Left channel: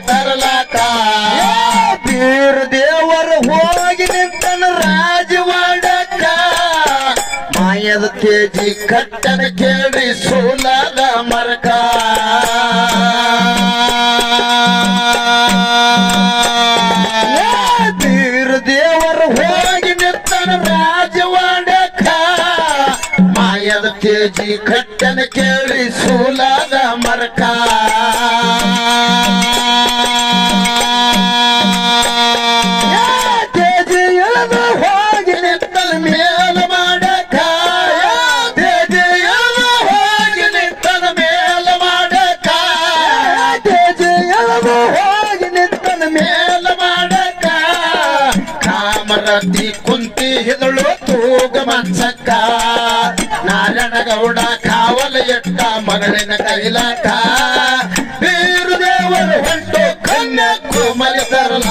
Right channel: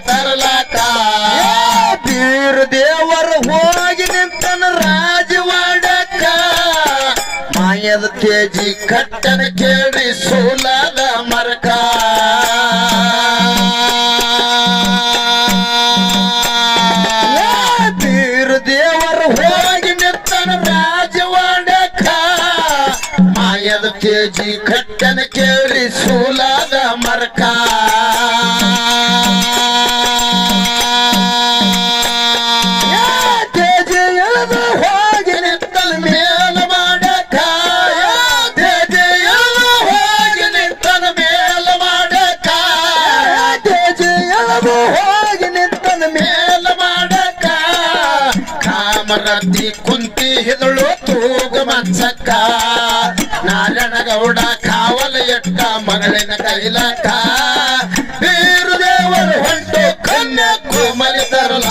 ತರಲಾಕ ಬೀರ ದೇವರು ಹೋಗಿ ನಿಂತನ ರಾಜವಾಡಕ ಮಾಯದ ತೇಜಿ ಕಟ್ಟನ ಕೇಳಿ ಸೋಲಾದ ಮರಕ ಬೀರ ದೇವರು ಹೋಗಿ ನಿಂತನ ರಾಜವಾಡಕ ಮಾಯದ ತೇಜಿ ಕಟ್ಟನ ಕೇಳಿ ಸೋಲಾದ ಮರಕ ಕುಂತಿ ಹಿದಳು ತೂಗ ಮತ್ಸಕ್ಕ ನಾರಾಯಣಗೌಡ ಕಾವಲ ಎಟ್ಟ ಮಗಳಿನ ಕೈಲಾಕ ಬೀರು ದೇವರು ಹೊಂಟು ಕನ್ಯಾಕು ಮಲೆ ತರಲ